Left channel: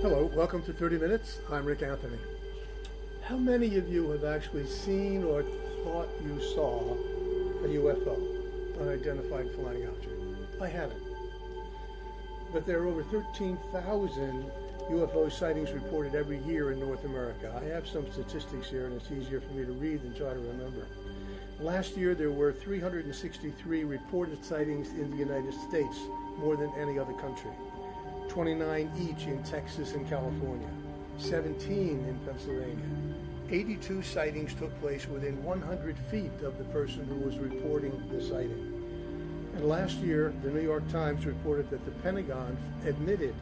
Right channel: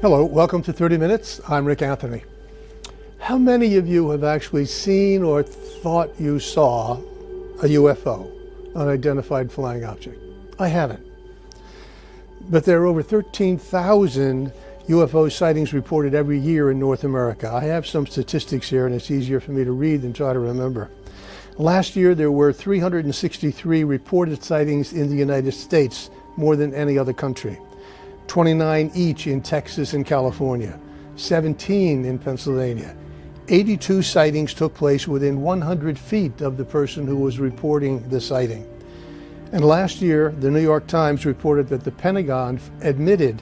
Hello, welcome to 30 Minutes. I'm Rick Anthony. How many of you have actually seen or thought you saw a UFO, unidentified flying object? I haven't. But there are over 13,000 UFO sightings reported every year in North America. I have some statistics here and it's easier for me to read than try to remember. Last year there were 363 reported sightings in the United States, more than any other country. 29 each in Texas and California, 17 in Pennsylvania. 82 sightings took place within 100 feet of the person who was reporting the sighting. And last year, the New York Times reported that the Pentagon admitted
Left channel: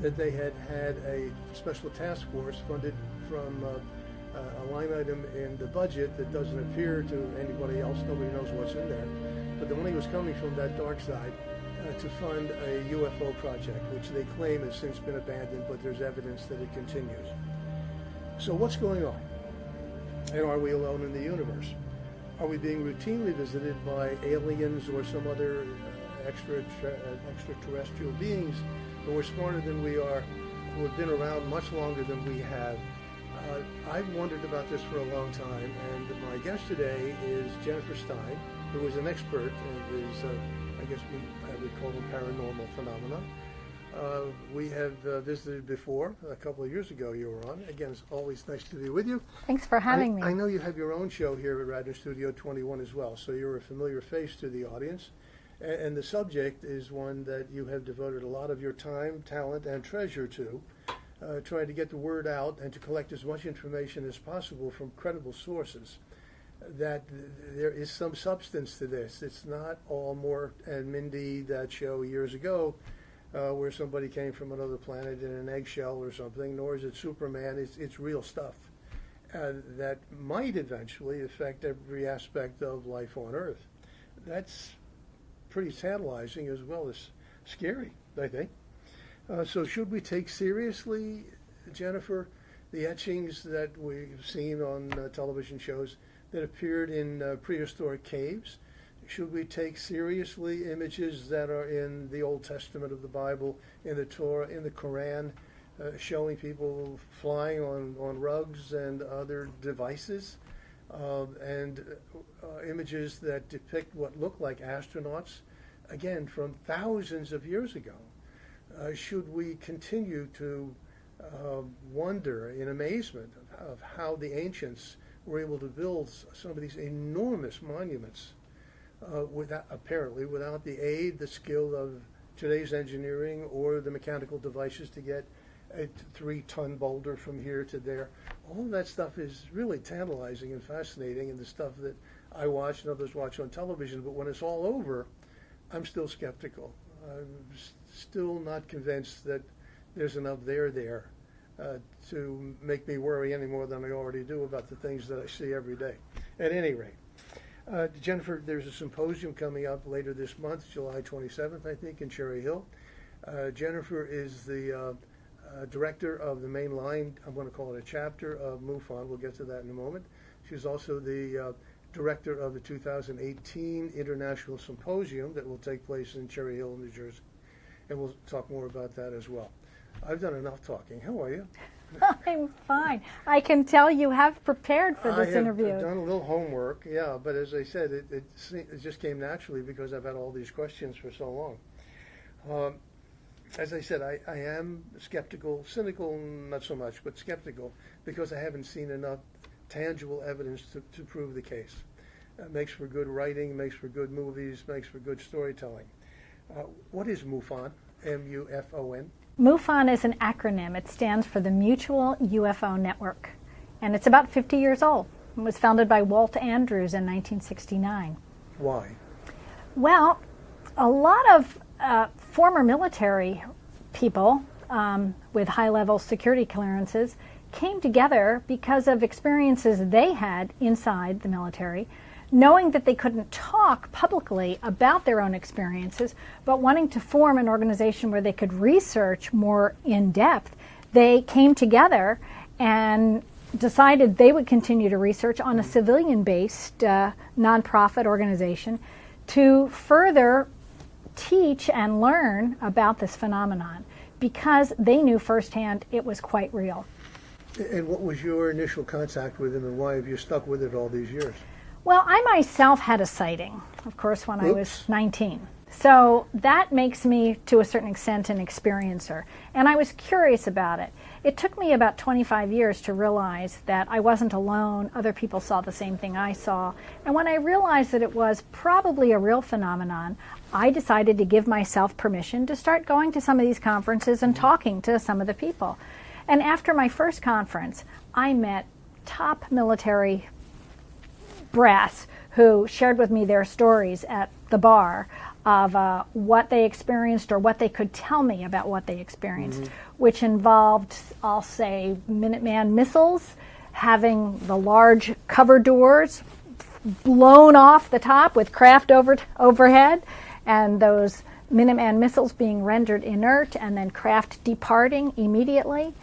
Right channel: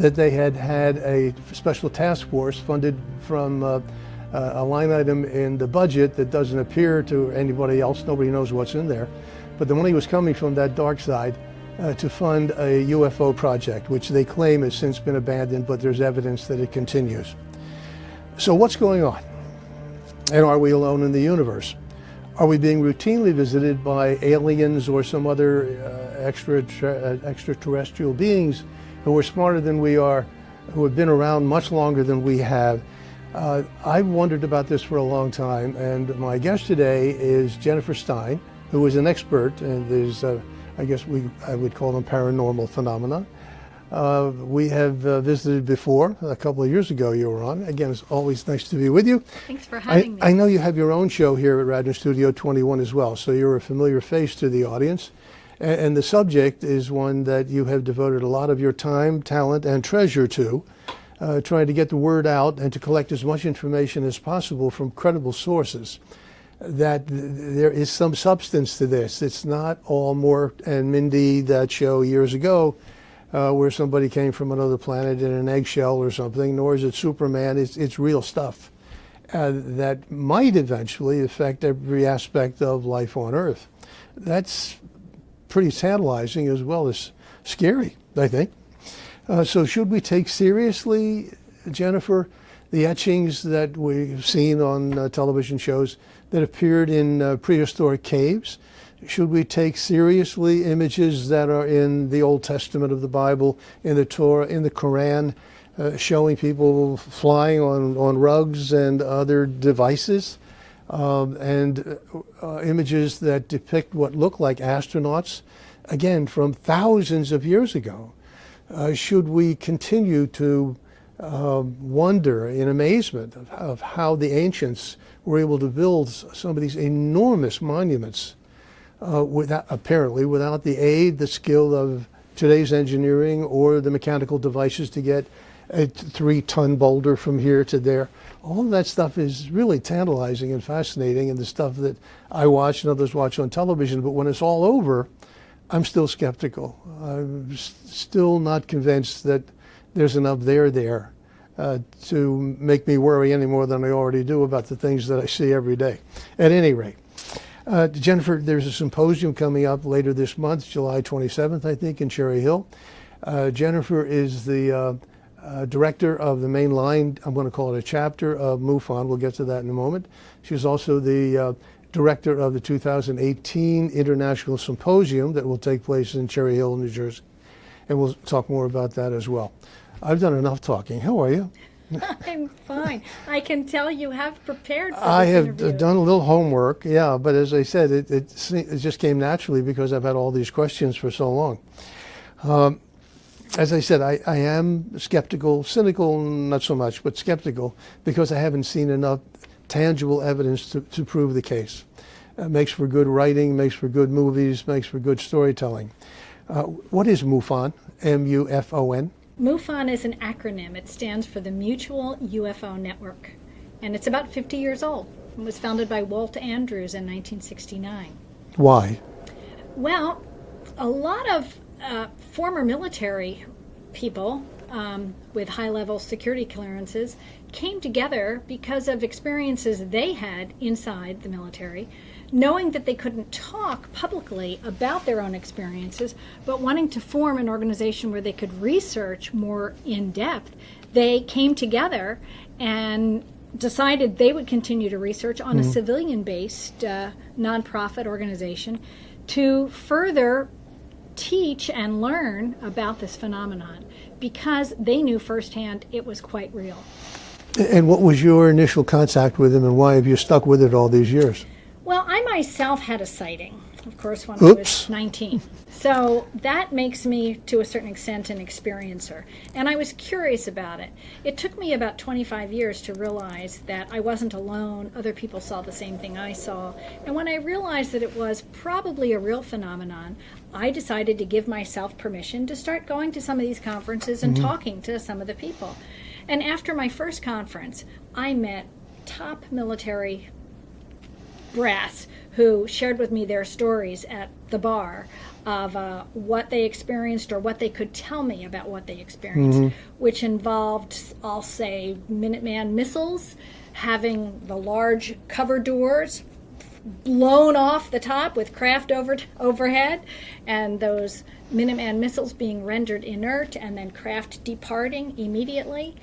that they had had a special task force funded from a line item in the budget that doesn't appear to anybody else. Nobody knows what's in there. But the money was coming from that dark side to fund a UFO project, which they claim has since been abandoned, but there's evidence that it continues. So what's going on? And are we alone in the universe? Are we being routinely visited by aliens or some other extraterrestrial beings who are smarter than we are, who have been around much longer than we have? I've wondered about this for a long time, and my guest today is Jenn Stein, who is an expert and is I guess I would call them paranormal phenomena. We have visited before. A couple of years ago you were on. Again, it's always nice to be with you. Thanks for having me. I know you have your own show here at Radio Studio 21 as well, so you're a familiar face to the audience. And the subject is one that you have devoted a lot of your time, talent, and treasure to, trying to get the word out and to collect as much information as possible from credible sources, that there is some substance to this. It's not all Mort and Mindy, that show years ago, where somebody came from another planet in an eggshell or something, nor is it Superman. It's real stuff that might eventually affect every aspect of life on Earth. That's pretty tantalizing as well as scary, I think. So should we take seriously, Jennifer, the etchings that we've seen on television shows that appeared in prehistoric caves? Should we take seriously images that are in the Old Testament of the Bible, in the Torah, in the Quran, showing people flying on rugs and other devices, and images that depict what look like astronauts, again, from thousands of years ago? Should we continue to wonder in amazement of how the ancients were able to build some of these enormous monuments apparently without the aid, the skill of today's engineering or the mechanical devices to get a 3-ton boulder from here to there? All of that stuff is really tantalizing and fascinating, and the stuff that I watch and others watch on television. But when it's all over, I'm still skeptical. I'm still not convinced that there's enough there to make me worry any more than I already do about the things that I see every day. At any rate, Jennifer, there's a symposium coming up later this month, July 27th, I think, in Cherry Hill. Jennifer is the director of the main line, I'm going to call it a chapter of MUFON. We'll get to that in a moment. She's also the director of the 2018 International Symposium that will take place in Cherry Hill, New Jersey. And we'll talk more about that as well. I've done enough talking. How are you? I'm fine. I can tell you have prepared for this I interview. have done a little homework, yeah, but as I said, it just came naturally because I've had all these questions for so long. As I said, I am skeptical, cynical not so much, but skeptical, because I haven't seen enough tangible evidence to prove the case. It makes for good writing, makes for good movies, makes for good storytelling. What is MUFON, M-U-F-O-N? MUFON is an acronym. It stands for the Mutual UFO Network. And it's about 50 years old. It was founded by Walt Andrews in 1969. Why? Well, a lot of former military people with high-level security clearances came together because of experiences they had inside the military, knowing that they couldn't talk publicly about their own experiences, but wanting to form an organization where they could research more in depth. They came together and decided they would continue to research on a civilian-based nonprofit organization to further teach and learn about this phenomenon. because they knew firsthand it was quite real. And what was your initial contact with him, and why have you stuck with it all these years? Well, I myself had a sighting, of course, when I was 19. So that makes me, to a certain extent, an experiencer. And I was curious about it. It took me about 25 years to realize that I wasn't alone. Other people saw the same thing I saw. And when I realized that it was probably a real phenomenon, I decided to give myself permission to start going to some of these conferences and talking to some of the people. And after my first conference, I met top military brass who shared with me their stories at the bar of what they experienced or what they could tell me about what they experienced, which involved, I'll say, Minuteman missiles, having the large cover doors blown off the top with craft overhead, and those Minuteman missiles being rendered inert and then craft departing immediately.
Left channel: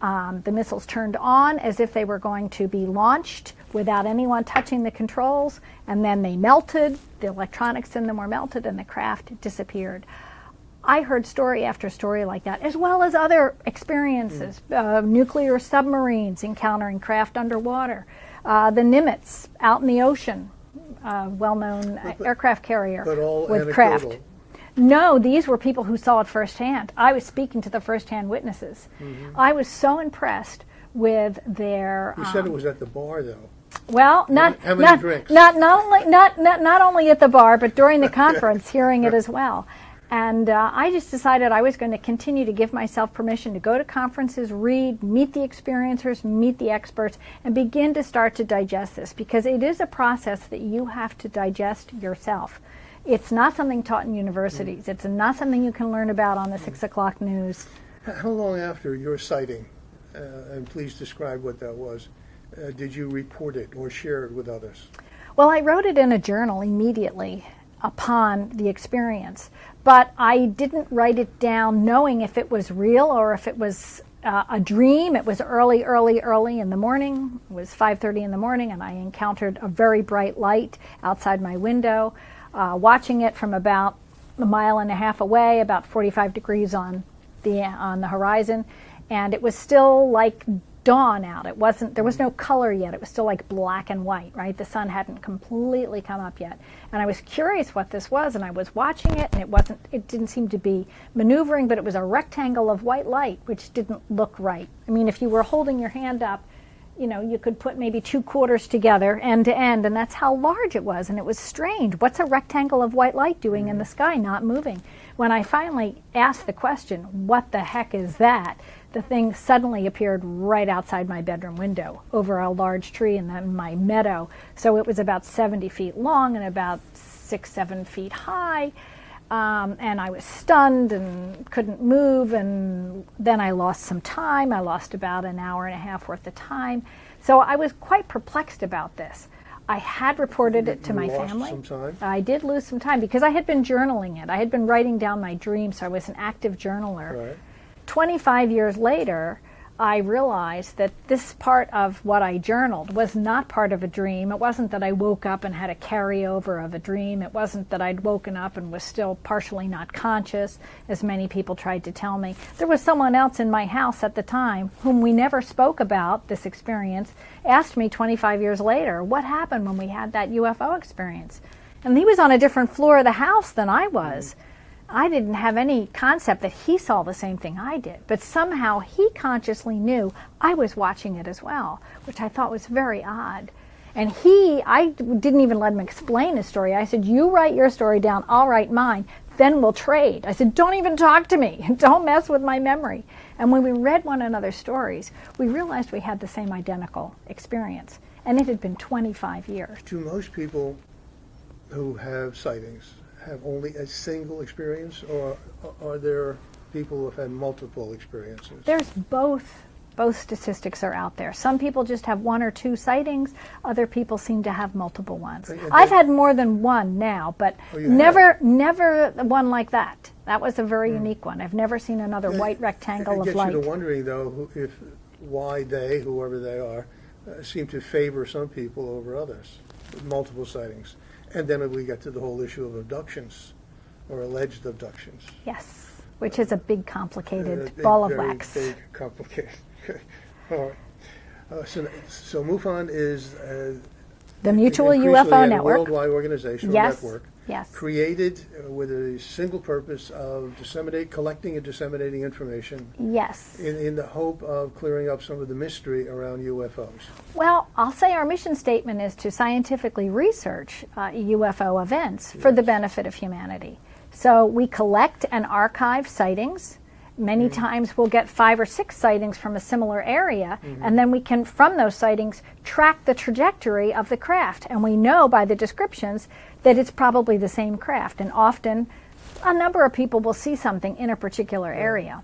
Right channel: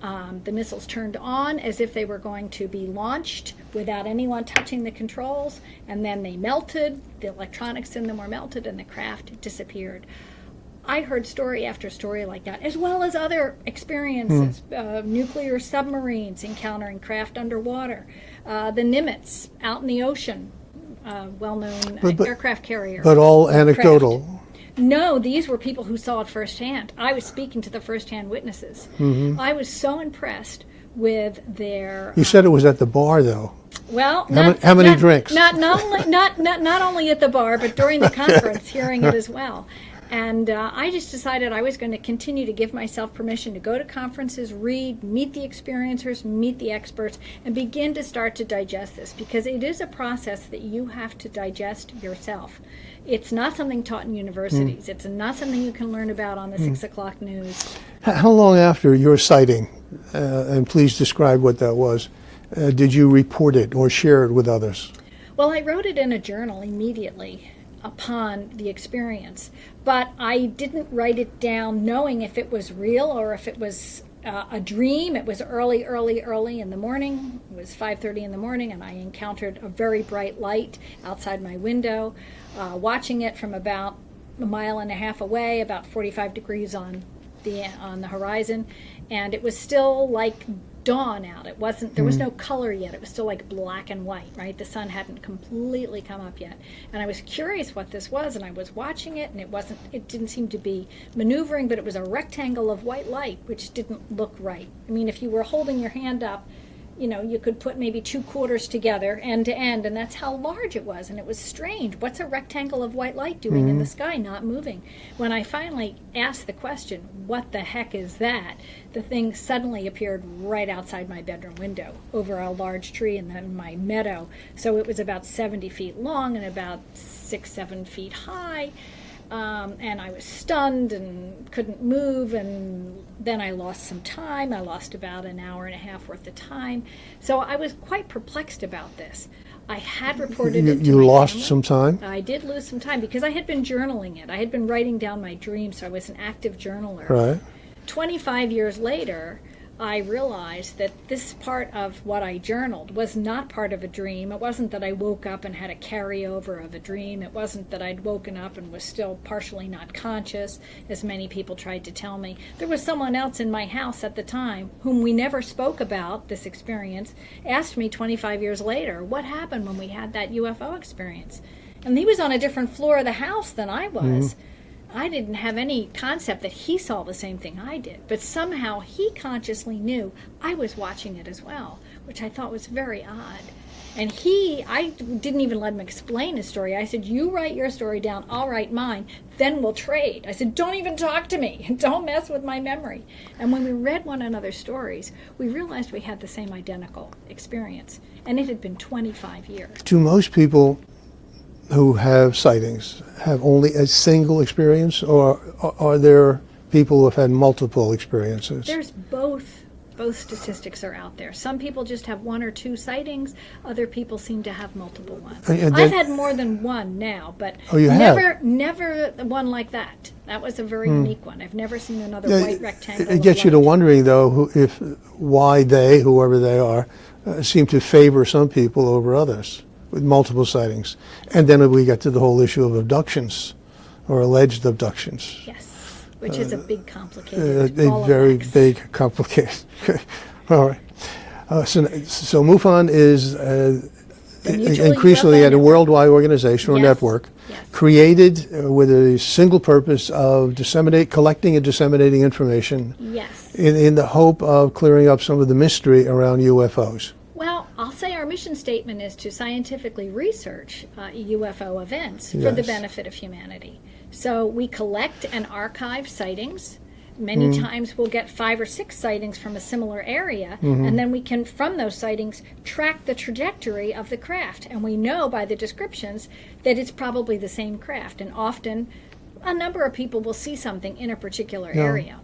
The missiles turned on as if they were going to be launched without anyone touching the controls, and then they melted, the electronics in them were melted, and the craft disappeared. I heard story after story like that, as well as other experiences, nuclear submarines encountering craft underwater, the Nimitz out in the ocean, well-known aircraft carrier. But all anecdotal. Craft. No, these were people who saw it firsthand. I was speaking to the firsthand witnesses. I was so impressed with their... You said it was at the bar, though. Well, how many drinks? Not only at the bar, but during the conference, hearing it as well. And I just decided I was going to continue to give myself permission to go to conferences, read, meet the experiencers, meet the experts, and begin to start to digest this, because it is a process that you have to digest yourself. It's not something taught in universities. It's not something you can learn about on the 6 o'clock news. How long after your sighting, and please describe what that was, did you report it or share it with others? Well, I wrote it in a journal immediately upon the experience, but I didn't write it down knowing if it was real or if it was a dream. It was early in the morning. It was 5:30 in the morning, and I encountered a very bright light outside my window. Watching it from about a mile and a half away, about 45 degrees on the horizon, and it was still like dawn out. It wasn't. There was no color yet. It was still like black and white. Right, the sun hadn't completely come up yet, and I was curious what this was, and I was watching it, and it wasn't. It didn't seem to be maneuvering, but it was a rectangle of white light, which didn't look right. I mean, if you were holding your hand up, you know, you could put maybe 2 quarters together end to end, and that's how large it was. And it was strange. What's a rectangle of white light doing in the sky, not moving? When I finally asked the question, what the heck is that? The thing suddenly appeared right outside my bedroom window over a large tree in my meadow. So it was about 70 feet long and about 6-7 feet high. And I was stunned and couldn't move, and then I lost some time. I lost about an hour and a half worth of time. So I was quite perplexed about this. I had reported it to my family. You lost some time? I did lose some time because I had been journaling it. I had been writing down my dreams, so I was an active journaler. Right. 25 years later, I realized that this part of what I journaled was not part of a dream. It wasn't that I woke up and had a carryover of a dream. It wasn't that I'd woken up and was still partially not conscious, as many people tried to tell me. There was someone else in my house at the time whom we never spoke about this experience, asked me 25 years later, what happened when we had that UFO experience? And he was on a different floor of the house than I was. I didn't have any concept that he saw the same thing I did, but somehow he consciously knew I was watching it as well, which I thought was very odd. And I didn't even let him explain his story. I said, you write your story down, I'll write mine, then we'll trade. I said, don't even talk to me. Don't mess with my memory. And when we read one another's stories, we realized we had the same identical experience. And it had been 25 years. Do most people who have sightings have only a single experience, or are there people who have had multiple experiences? There's both. Both statistics are out there. Some people just have 1 or 2 sightings. Other people seem to have multiple ones. I've had more than one now, but never one like that. That was a very unique one. I've never seen another white rectangle It gets you to wondering, though, why they, whoever they are, seem to favor some people over others with multiple sightings. And then we get to the whole issue of abductions or alleged abductions. Yes. which is a big, complicated ball of very wax. big, complicated. All right. So MUFON is The Mutual increasingly UFO a Network. worldwide organization or Yes. network Yes. created with a single purpose of collecting and disseminating information Yes. in the hope of clearing up some of the mystery around UFOs. Well, I'll say our mission statement is to scientifically research UFO events for the Yes. benefit of humanity. So we collect and archive sightings. Many times we'll get 5 or 6 sightings from a similar area, and then we can, from those sightings, track the trajectory of the craft. And we know by the descriptions that it's probably the same craft. And often, a number of people will see something in a particular area.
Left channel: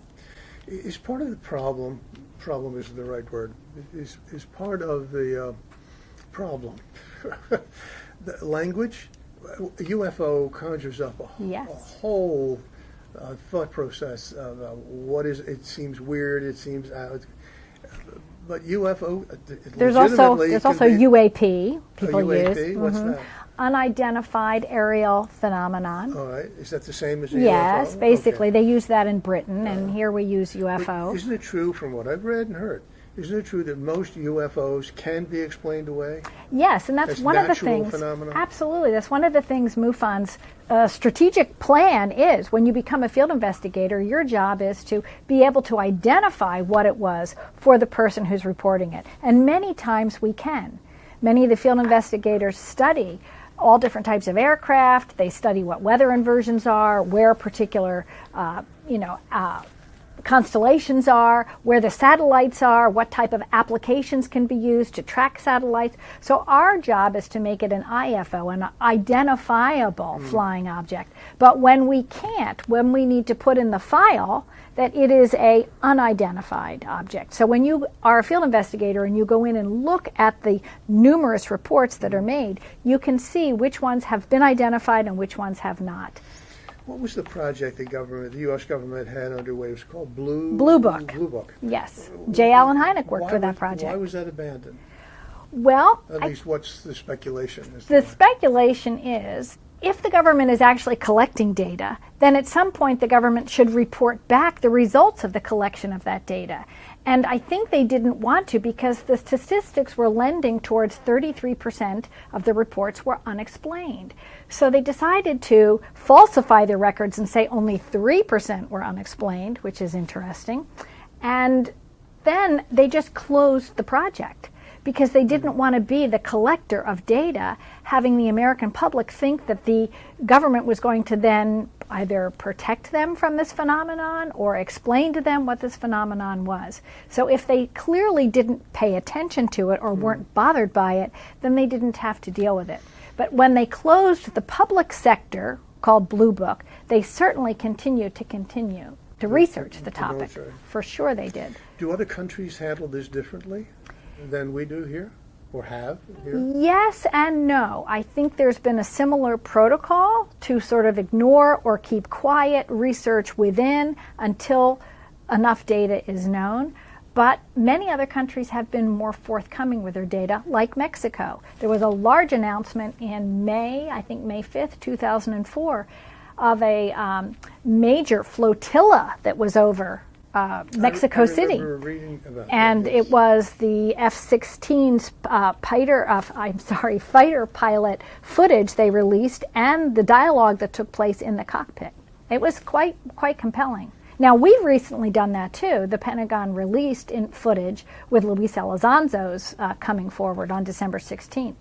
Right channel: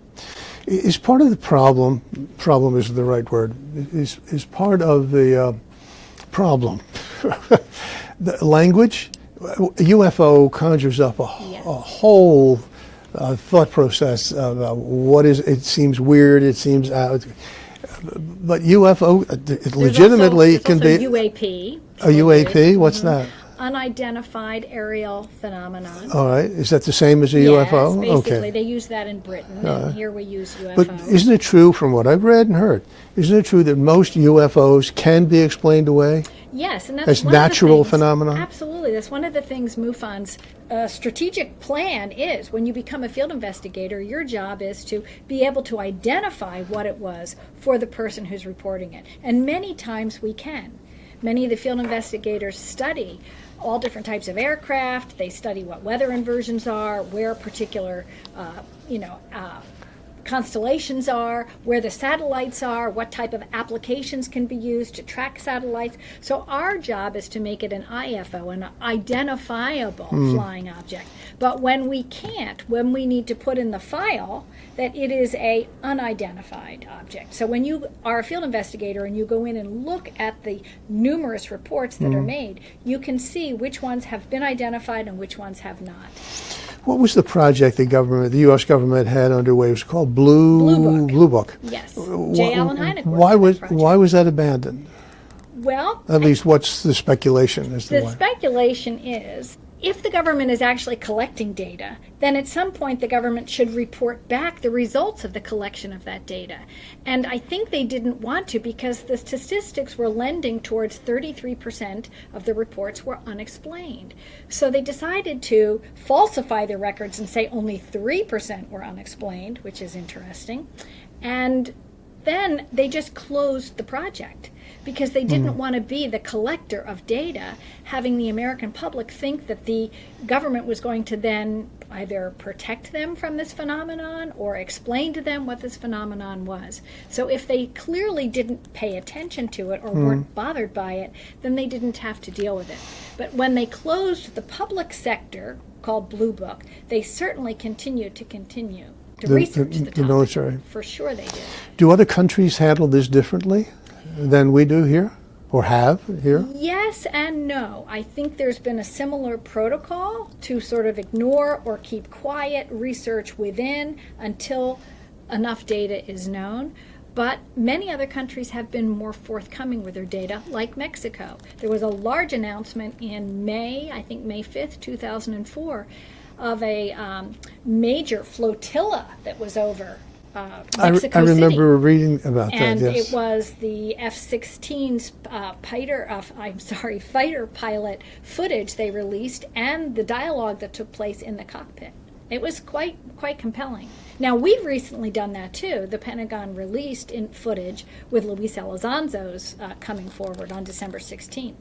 Is part of the problem is the right word, is part of the problem. The language, UFO conjures up a Yes. whole thought process about what is, it seems weird, it seems out, but UFO it legitimately There's can also be UAP. a people UAP. use. What's that? Unidentified aerial phenomenon. All right, is that the same as a Yes, UFO? basically, Okay. they use that in Britain, and here we use But UFO. isn't it true, from what I've read and heard, isn't it true that most UFOs can be explained away? Yes, and that's as one of the natural things, phenomena? Absolutely, that's one of the things MUFON's strategic plan is. When you become a field investigator, your job is to be able to identify what it was for the person who's reporting it, and many times we can. Many of the field investigators study all different types of aircraft. They study what weather inversions are, where particular, constellations are, where the satellites are, what type of applications can be used to track satellites. So our job is to make it an IFO, an identifiable flying object. But when we can't, when we need to put in the file that it is a unidentified object. So when you are a field investigator and you go in and look at the numerous reports that are made, you can see which ones have been identified and which ones have not. What was the project the U.S. government had underway? It was called Blue Book. Yes. J. Allen Hynek worked on that project. Why was that abandoned? Well, At least, what's the speculation as to the why? speculation is if the government is actually collecting data, then at some point the government should report back the results of the collection of that data. And I think they didn't want to because the statistics were lending towards 33% of the reports were unexplained. So they decided to falsify the records and say only 3% were unexplained, which is interesting. And then they just closed the project, because they didn't want to be the collector of data, having the American public think that the government was going to then either protect them from this phenomenon or explain to them what this phenomenon was. So if they clearly didn't pay attention to it or weren't bothered by it, then they didn't have to deal with it. But when they closed the public sector, called Blue Book, they certainly continued to research the topic. military. For sure they did. Do other countries handle this differently than we do here, or have here? Yes and no. I think there's been a similar protocol to sort of ignore or keep quiet research within until enough data is known. But many other countries have been more forthcoming with their data, like Mexico. There was a large announcement in May, I think May 5th, 2004, of a major flotilla that was was Mexico City. I remember reading about And that. Yes. it was the F-16's fighter pilot footage they released, and the dialogue that took place in the cockpit. It was quite compelling. Now, we've recently done that too. The Pentagon released in footage with Luis Elizondo coming forward on December 16th.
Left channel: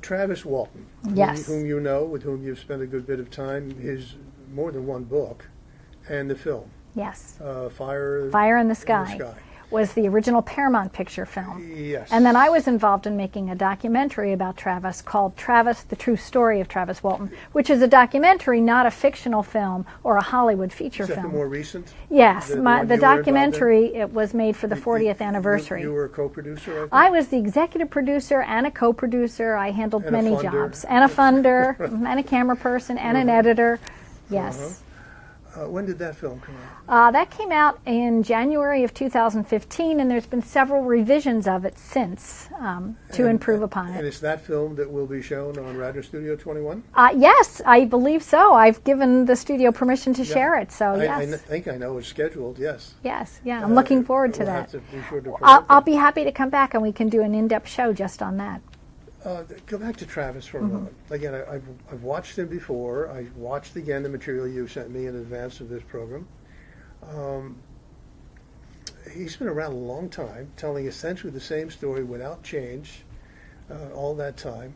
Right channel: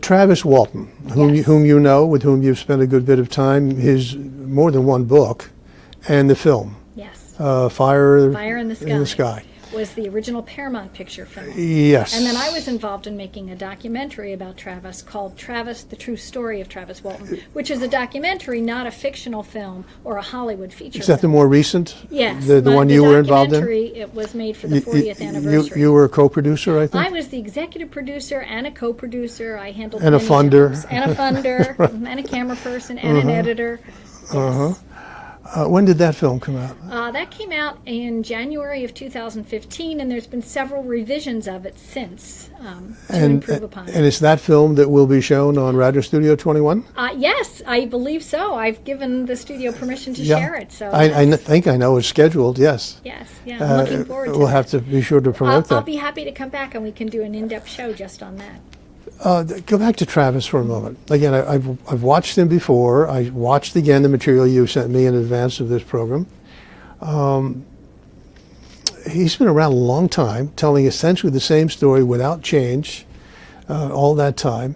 Travis Walton, Yes. whom you know, with whom you've spent a good bit of time, his more than one book, and the film, Yes. Fire in the Sky. Was the original Paramount picture film. Yes. And then I was involved in making a documentary about Travis called Travis, The True Story of Travis Walton, which is a documentary, not a fictional film or a Hollywood feature Is that film. the more recent? Yes, The one you were involved in? documentary, it was made for the 40th anniversary. You were a co-producer, I think? I was the executive producer and a co-producer. I handled And a many funder. jobs. And a funder, and a camera person, and an editor. Yes. When did that film come out? That came out in January of 2015, and there's been several revisions of it since to improve upon it. And it's that film that will be shown on Radio Studio 21? Yes, I believe so. I've given the studio permission to share it. So I think I know it's scheduled, yes. Yes, yeah, I'm looking forward to We'll that. have to be sure to promote that. I'll be happy to come back and we can do an in-depth show just on that. Go back to Travis for a moment. Again, I've watched him before. I watched again the material you sent me in advance of this program. He's been around a long time, telling essentially the same story without change all that time.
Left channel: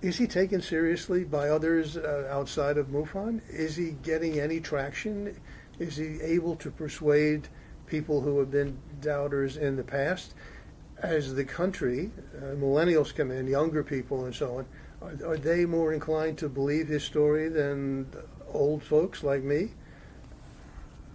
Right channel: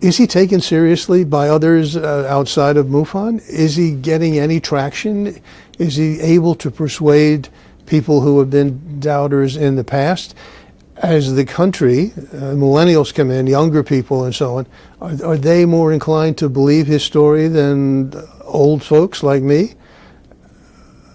Is he taken seriously by others outside of MUFON? Is he getting any traction? Is he able to persuade people who have been doubters in the past? As the country, millennials come in, younger people and so on, are they more inclined to believe his story than old folks like me?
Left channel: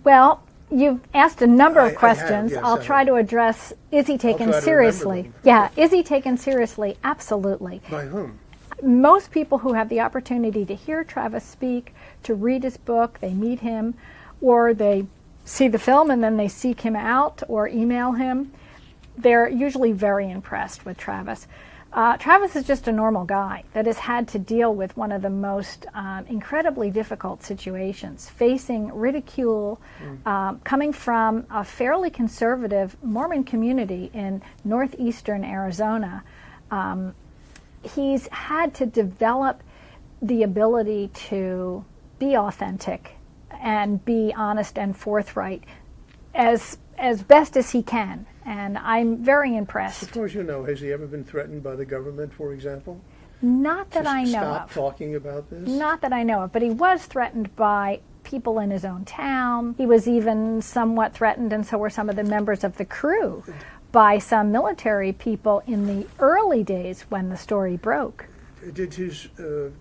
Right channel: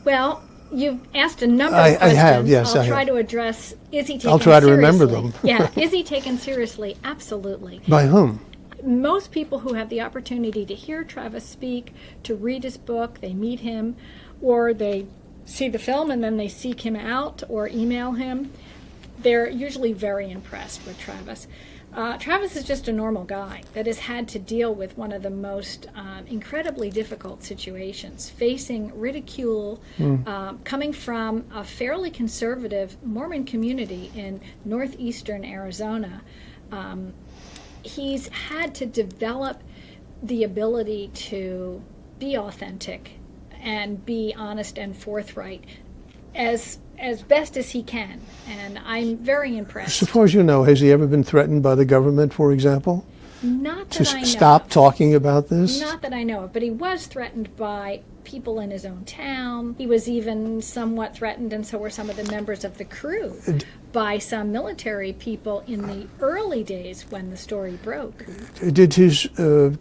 Well, you've asked a number of questions. I have, yes. I'll try to address, is he taken seriously? I'll try to remember them. Yeah, is he taken seriously? Absolutely. By whom? Most people who have the opportunity to hear Travis speak, to read his book, they meet him, or they see the film and then they seek him out or email him, they're usually very impressed with Travis. Travis is just a normal guy that has had to deal with one of the most incredibly difficult situations, facing ridicule, coming from a fairly conservative Mormon community in northeastern Arizona. He's had to develop the ability to be authentic and be honest and forthright as best as he can, and I'm very impressed. As far as you know, has he ever been threatened by the government, for example? Not that I know to stop of. talking about this? Not that I know of, but he was threatened by people in his own town. He was even somewhat threatened, and so were some of the members of the crew, by some military people in the early days when the story broke. Did his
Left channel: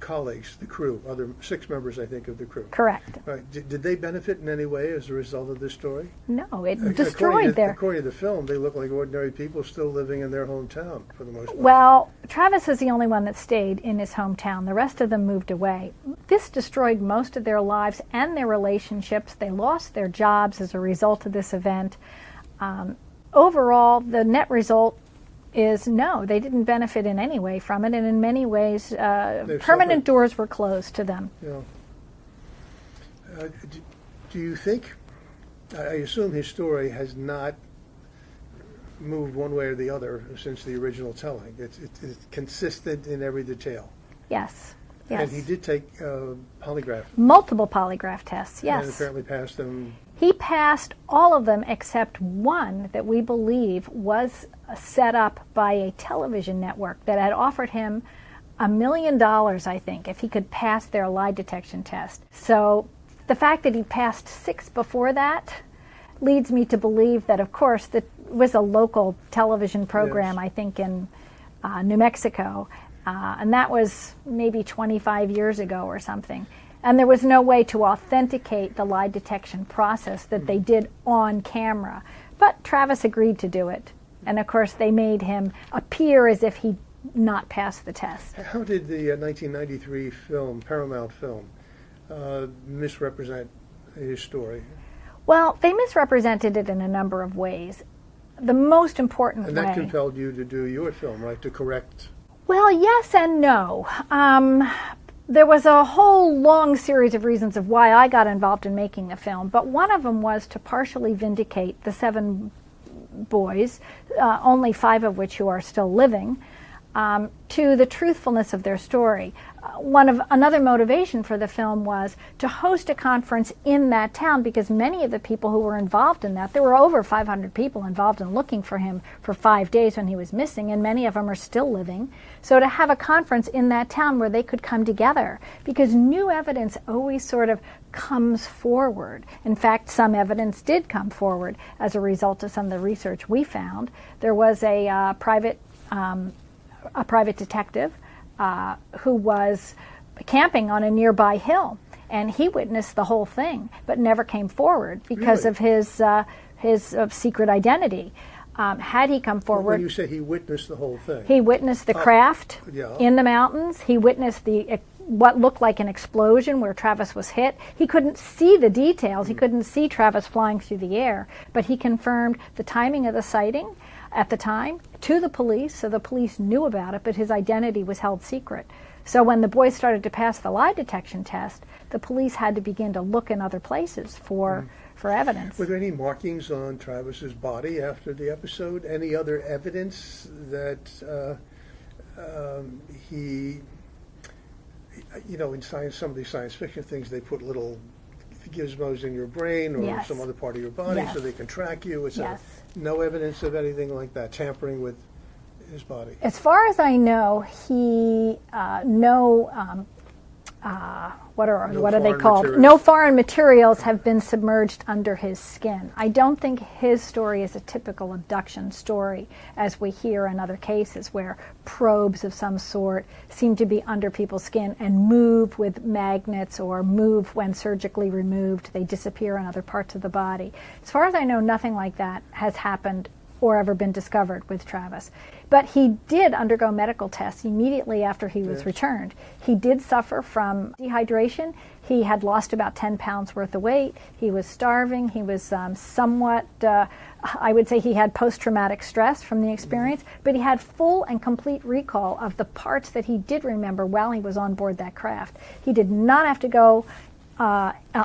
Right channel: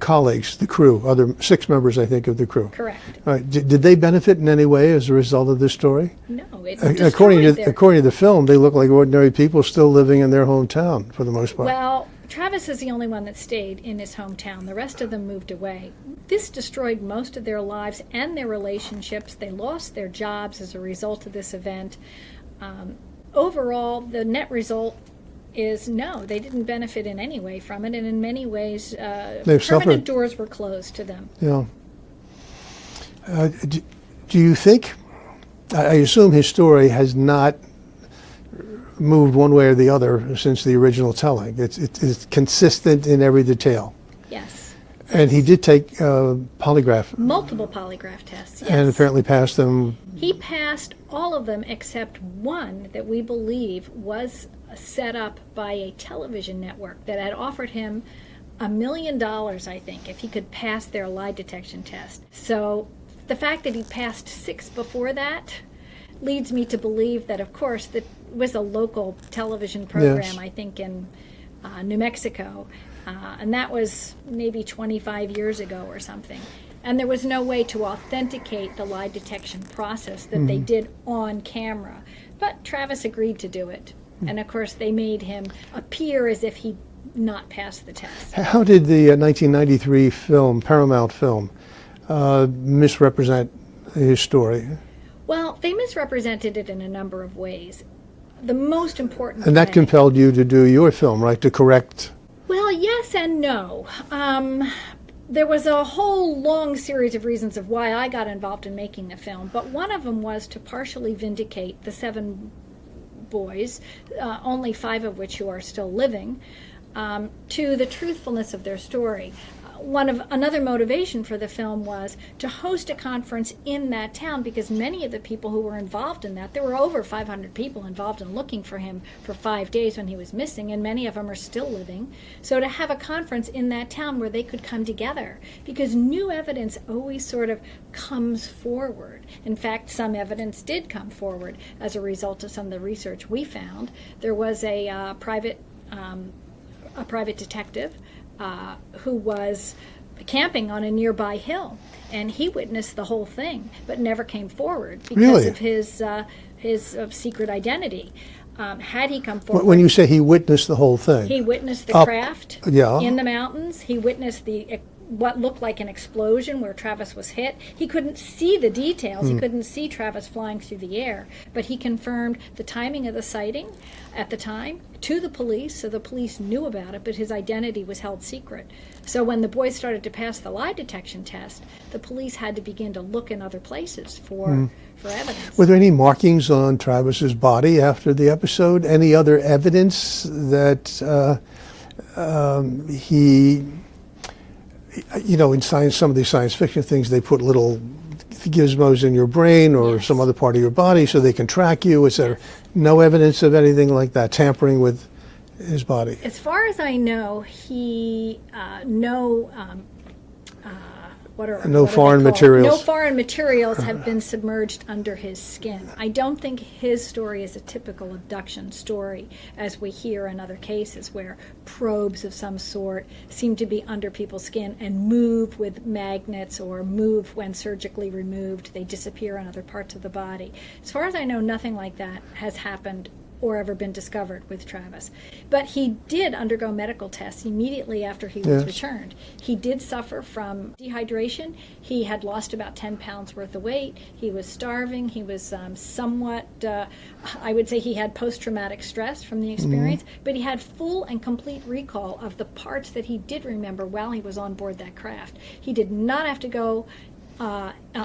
colleagues, the crew, other 6 members, I think, of the crew? Correct. Right. Did they benefit in any way as a result of this story? No, it According destroyed to the film, they look like ordinary people still living in their hometown for the most part. Well, Travis is the only one that stayed in his hometown. The rest of them moved away. This destroyed most of their lives and their relationships. They lost their jobs as a result of this event. Overall, the net result is no, they didn't benefit in any way from it, and in many ways, permanent suffered. doors were closed to them. Yeah. Do you think, I assume his story has not moved one way or the other since the original telling. It's consistent in every detail. Yes. And he did take polygraph. Multiple polygraph tests, yes. And apparently passed them. He passed all of them except one that we believe was set up by a television network that had offered him $1 million, I think, if he could pass their lie detection test. So the fact that he passed 6 before that leads me to believe that, of course, that was a local television program, Yes. I think, in New Mexico. And that was maybe 25 years ago or something. And there was no way to authenticate the lie detection process that they did on camera. But Travis agreed to do it. And of course, they made him appear as if he'd not passed the test. How did the 1993 film, Paramount film, misrepresent his story? Well, they misrepresented it in a number of ways. The most important And that way, compelled you to do your film, right, to correct? Well, yes and no. There was a whole long series of reasons of why I got involved in making the film, but one of them was to partially vindicate the 7 boys, only 5 of which who are still living, to the truthfulness of their story. Another motivation for the film was to host a conference in that town, because many of the people who were involved in that, there were over 500 people involved in looking for him for 5 days when he was missing, and many of them are still living. So to have a conference in that town where they could come together, because new evidence always sort of comes forward. In fact, some evidence did come forward as a result of some of the research we found. There was a private detective who was camping on a nearby hill, and he witnessed the whole thing, but never came forward because of his secret identity. Had he come forward, When you say he witnessed the whole thing, he witnessed the Up- craft yeah. in the mountains. He witnessed the what looked like an explosion where Travis was hit. He couldn't see the details. He couldn't see Travis flying through the air, but he confirmed the timing of the sighting at the time to the police, so the police knew about it, but his identity was held secret. So when the boys started to pass the lie detection test, the police had to begin to look in other places for evidence. Were there any markings on Travis's body after the episode? Any other evidence that he, in science, some of these science fiction things, they put little gizmos in your brain or Yes. some other part of your body so they can track you, etc. Yes. No evidence of anything like that, tampering with his body? As far as I know, he No foreign materials. No foreign materials have been submerged under his skin. I don't think his story is a typical abduction story, as we hear in other cases where probes of some sort seem to be under people's skin and move with magnets or move when surgically removed. They disappear in other parts of the body. As far as I know, nothing like that has happened or ever been discovered with Travis. But he did undergo medical tests immediately after he was returned. He did suffer from dehydration. He had lost about 10 pounds worth of weight. He was starving. He was somewhat, I would say he had post-traumatic stress from the experience, but he had full and complete recall of the parts that he did remember while he was on board that craft. He did not have to go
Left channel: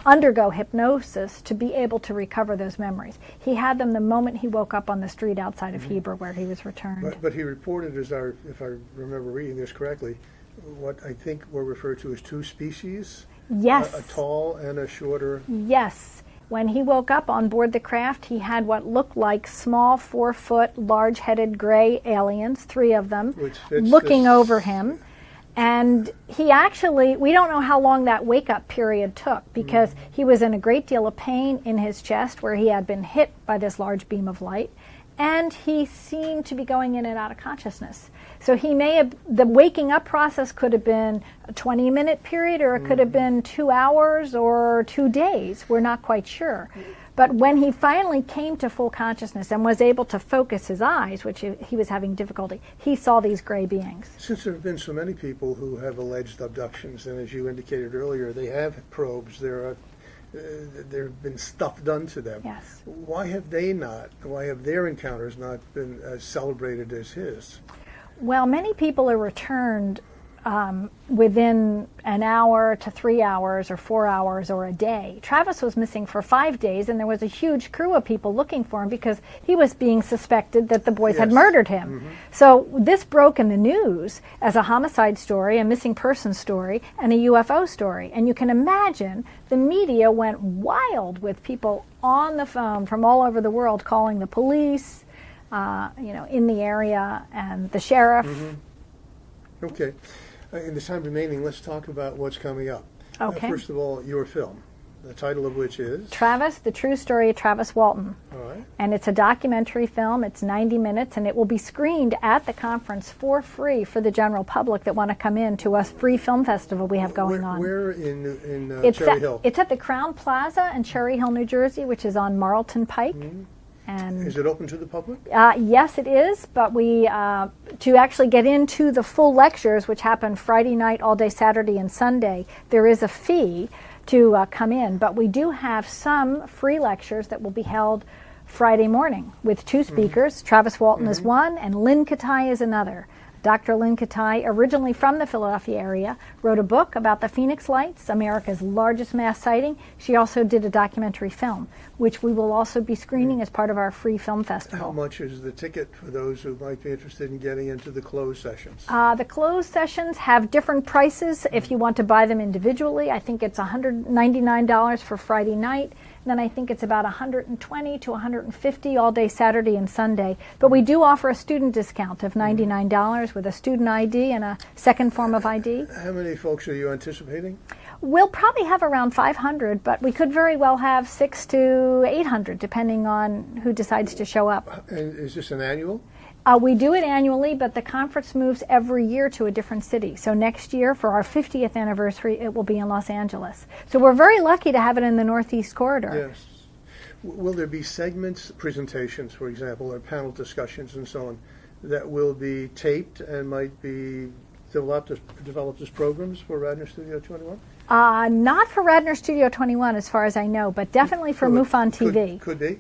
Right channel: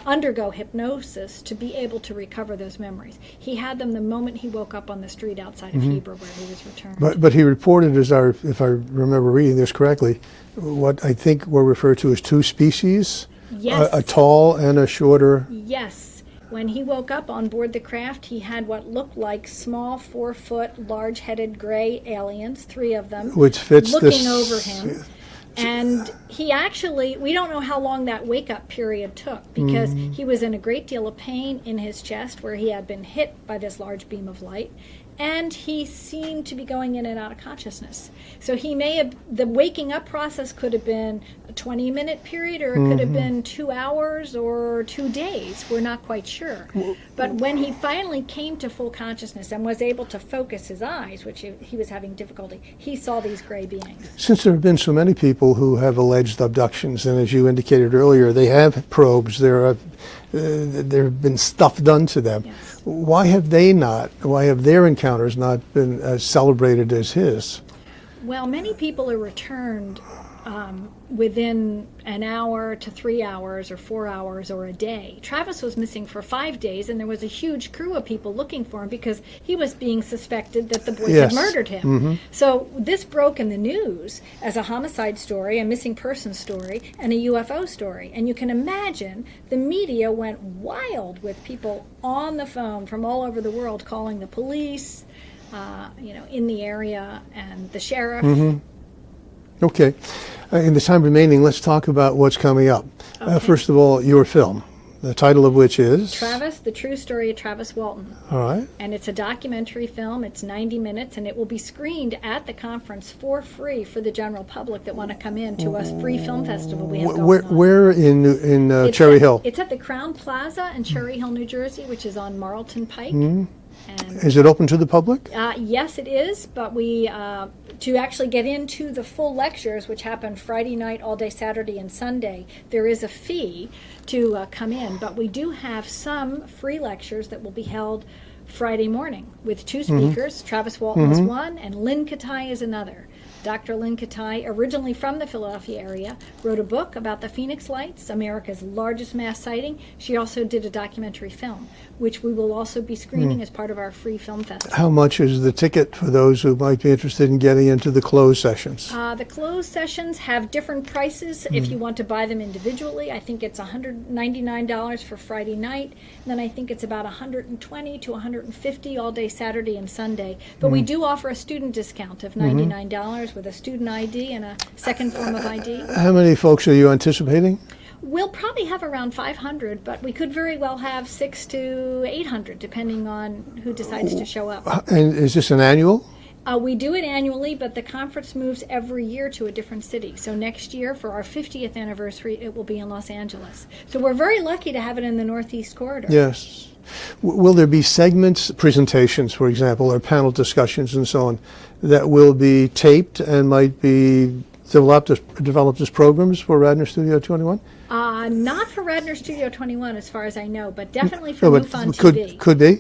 undergo hypnosis to be able to recover those memories. He had them the moment he woke up on the street outside of Heber where he was returned. But he reported, if I remember reading this correctly, what I think were referred to as two species, Yes. a tall and a shorter. Yes. When he woke up on board the craft, he had what looked like small 4-foot, large-headed gray aliens, 3 of them, Which fits looking this- over him. And he actually, we don't know how long that wake-up period took because he was in a great deal of pain in his chest where he had been hit by this large beam of light. And he seemed to be going in and out of consciousness. So he may have, the waking up process could have been a 20-minute period, or it could have been 2 hours or 2 days. We're not quite sure. But when he finally came to full consciousness and was able to focus his eyes, which he was having difficulty, he saw these gray beings. Since there have been so many people who have alleged abductions, and as you indicated earlier, they have probes, there have been stuff done to them. Yes. Why have their encounters not been as celebrated as his? Well, many people are returned within an hour to 3 hours or 4 hours or a day. Travis was missing for 5 days, and there was a huge crew of people looking for him because he was being suspected that the boys had Yes. murdered him. So this broke in the news as a homicide story, a missing person story, and a UFO story. And you can imagine the media went wild with people on the phone from all over the world calling the police, in the area, and the sheriff. Okay. In the time remaining, let's talk about what's coming up. Okay. First of all, your film, the title of which is? Travis, the True Story of Travis Walton. All right. And it's a documentary film. It's 90 minutes, and it will be screened at the conference for free for the general public that want to come in to a free film festival we have going on. Where in It's Cherry at- Hill? It's at the Crown Plaza in Cherry Hill, New Jersey, which is on Marlton Pike. And Is it open to the public? yes, it is, but we to actually get into the full lectures, which happen Friday night, all day Saturday and Sunday, there is a fee to come in. But we do have some free lectures that will be held Friday morning with 2 speakers. Travis Walton is one, and Lynn Katai is another. Dr. Lynn Katai, originally from the Philadelphia area, wrote a book about the Phoenix Lights, America's largest mass sighting. She also did a documentary film, which we will also be screening as part of our free film festival. How much is the ticket for those who might be interested in getting into the closed sessions? The closed sessions have different prices if you want to buy them individually. I think it's $199 for Friday night. Then I think it's about $120 to $150 all day Saturday and Sunday. But we do offer a student discount of $99 with a student ID and a second form of ID. How many folks are you anticipating? We'll probably have around 500, but we could very well have 600 to 800, depending on who decides to show up. And is this an annual? We do it annually, but the conference moves every year to a different city. So next year, for our 50th anniversary, it will be in Los Angeles. So we're very lucky to have it in the Northeast Corridor. Yes. Will there be segments, presentations, for example, or panel discussions and so on, that will be taped and might be develop this programs for Radnor Studio 21? Not for Radnor Studio 21, as far as I know, but definitely for No, but MUFON TV. Could be?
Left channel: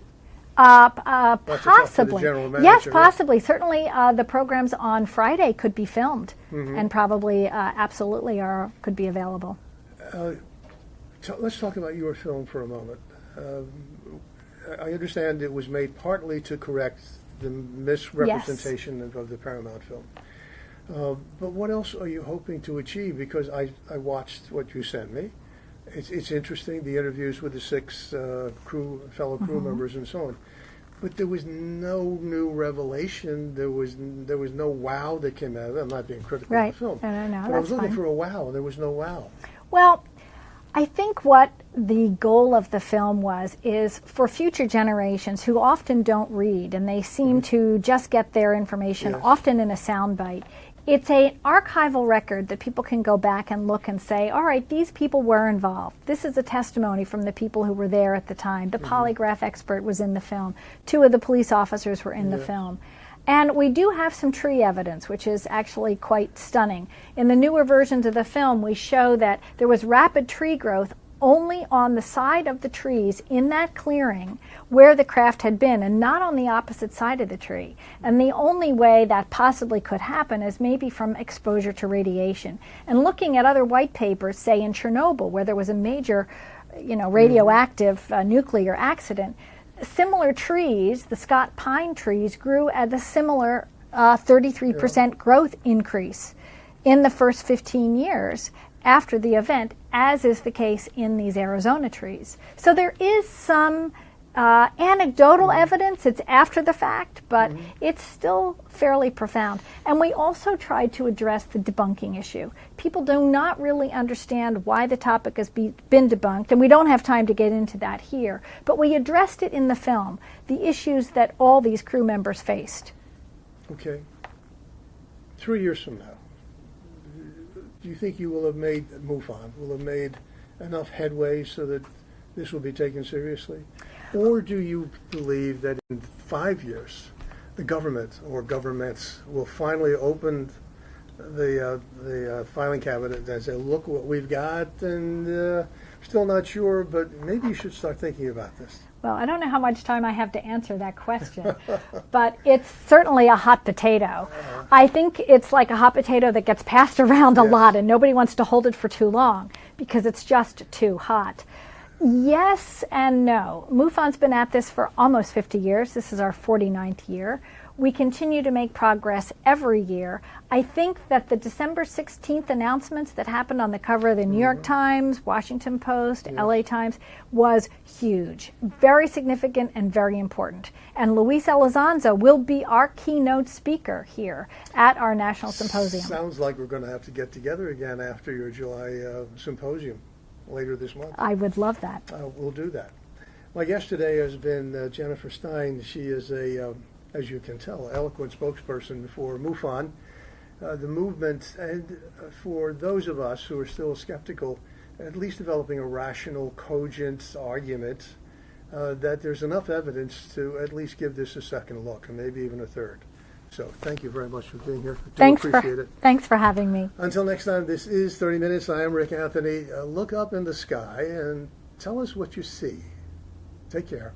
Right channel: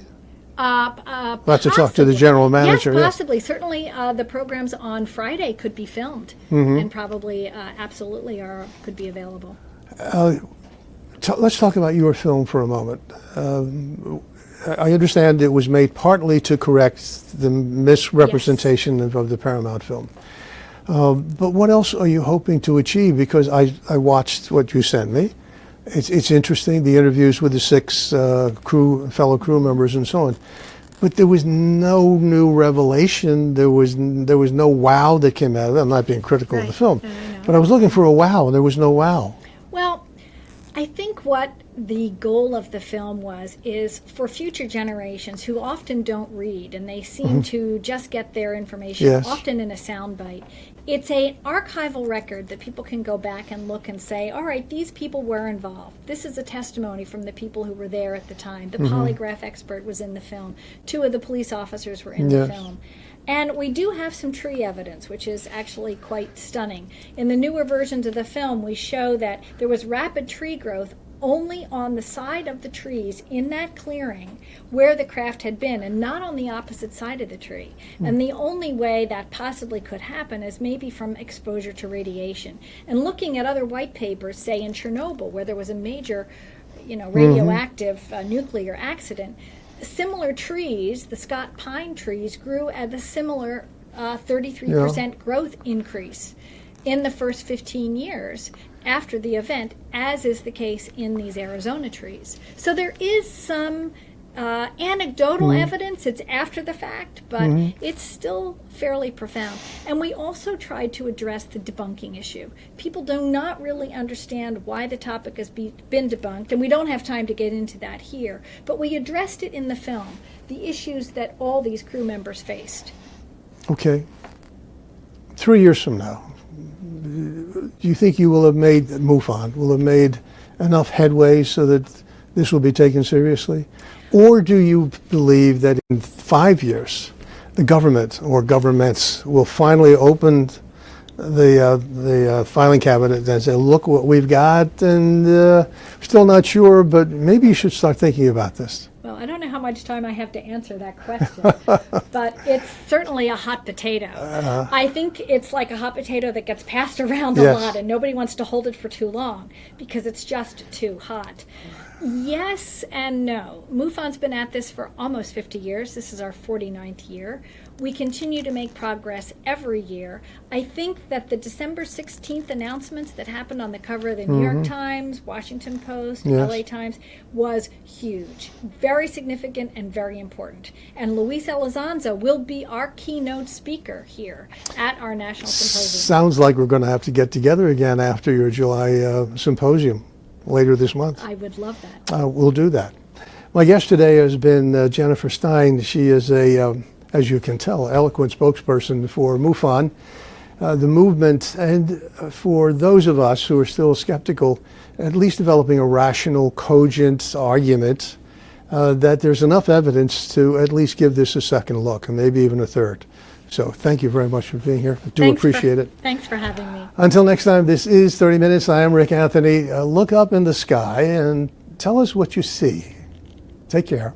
Possibly. to talk to the general manager, Yes, yes. possibly. Certainly, the programs on Friday could be filmed, and probably, absolutely, could be available. Let's talk about your film for a moment. I understand it was made partly to correct the misrepresentation of the Paramount film. But what else are you hoping to achieve? Because I watched what you sent me. It's interesting, the interviews with the 6 fellow crew members and so on. But there was no new revelation. There was no wow that came out of it. I'm not being critical of the film. But I was looking for a wow, and there was no wow. Well, I think what the goal of the film is for future generations who often don't read and they seem to just get their information, often in a soundbite. It's an archival record that people can go back and look and say, all right, these people were involved. This is a testimony from the people who were there at the time. The polygraph expert was in the film. 2 of the police officers were in the film. And we do have some tree evidence, which is actually quite stunning. In the newer versions of the film, we show that there was rapid tree growth only on the side of the trees in that clearing where the craft had been, and not on the opposite side of the tree. And the only way that possibly could happen is maybe from exposure to radiation. And looking at other white papers, say in Chernobyl, where there was a major, radioactive nuclear accident, similar trees, the Scott pine trees, grew at a similar 33% growth increase in the first 15 years after the event, as is the case in these Arizona trees. So there is some anecdotal evidence. It's after the fact, but it's still fairly profound. And we also tried to address the debunking issue. People do not really understand why the topic has been debunked, and we don't have time to get into that here. But we addressed it in the film, the issues that all these crew members faced. Okay. 3 years from now, do you think you will have made, MUFON, will have made enough headway so that this will be taken seriously? Or do you believe that in 5 years, the government or governments will finally open the filing cabinet and say, look what we've got, and still not sure, but maybe you should start thinking about this? Well, I don't know how much time I have to answer that question, but it's certainly a hot potato. I think it's like a hot potato that gets passed around a lot, and nobody wants to hold it for too long because it's just too hot. Yes and no. MUFON's been at this for almost 50 years. This is our 49th year. We continue to make progress every year. I think that the December 16th announcements that happened on the cover of the New York Times, Washington Post, LA Times was huge, very significant and very important. And Luis Elizondo will be our keynote speaker here at our National Symposium. Sounds like we're going to have to get together again after your July symposium later this month. I would love that. We'll do that. My guest today has been Jenn Stein. She is as you can tell, eloquent spokesperson for MUFON, the movement, and for those of us who are still skeptical, at least developing a rational, cogent argument that there's enough evidence to at least give this a second look, and maybe even a third. So thank you very much for being here. I do appreciate it. Thanks for having me. Until next time, this is 30 Minutes. I am Rick Anthony. Look up in the sky and tell us what you see. Take care.